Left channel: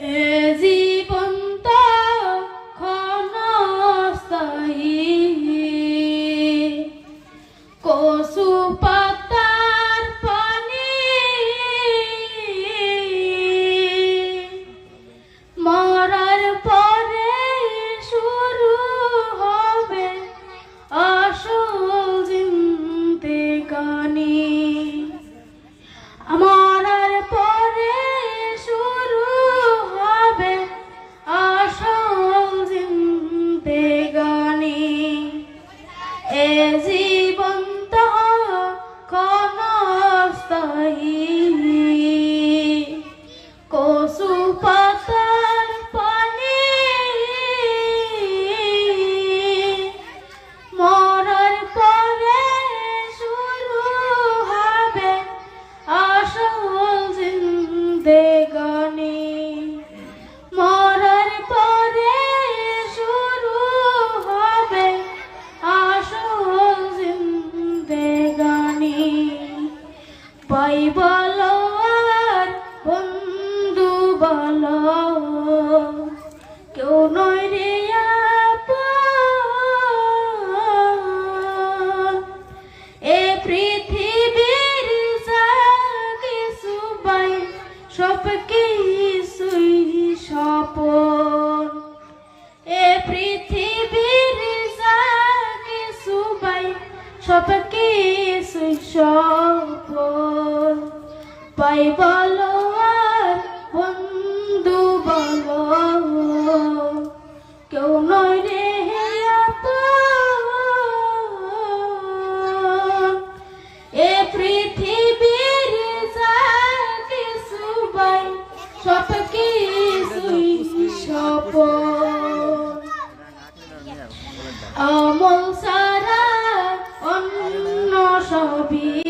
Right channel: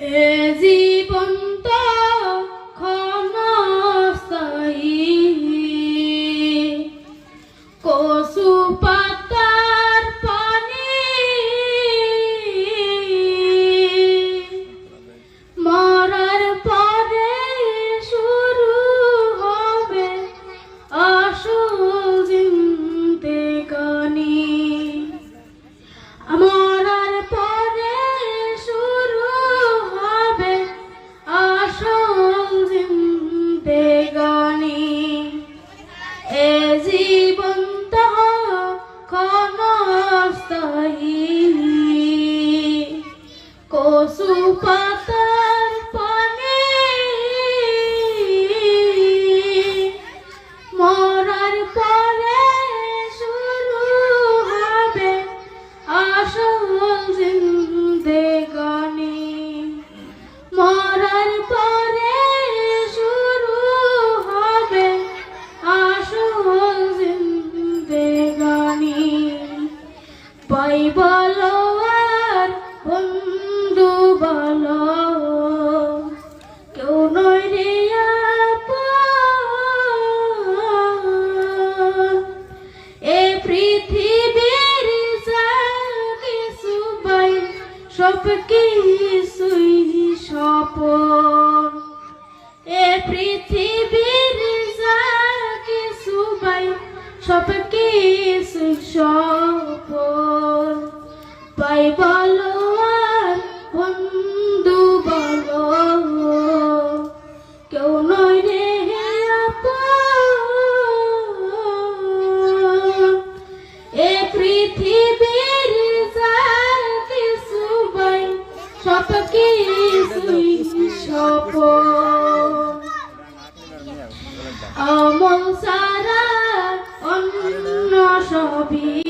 এ জীবনটা ক্ষণস্থায়ী, কচু পাতার পানি মরার পরে শুরু হবে আসল জিন্দেগানি। মরার পরে শুরু হবে আসল জিন্দেগানি। এ জীবনটা ক্ষণস্থায়ী, কচু পাতার পানি মরার পরে শুরু হবে আসল জিন্দেগানি। মরার পরে শুরু হবে আসল জিন্দেগানি। ভাই বলো আর বন্ধু বলো, কেউ নয় রে আপন। এ পৃথিবীর যা কিছু ভাই সব কিছুই স্বপন। এ পৃথিবীর যা কিছু ভাই সব কিছুই স্বপন। ভাই বলো আর বন্ধু বলো, কেউ নয় রে আপন। এ পৃথিবীর যা কিছু ভাই সব কিছুই স্বপন। আমল ছাড়া অন্য সবই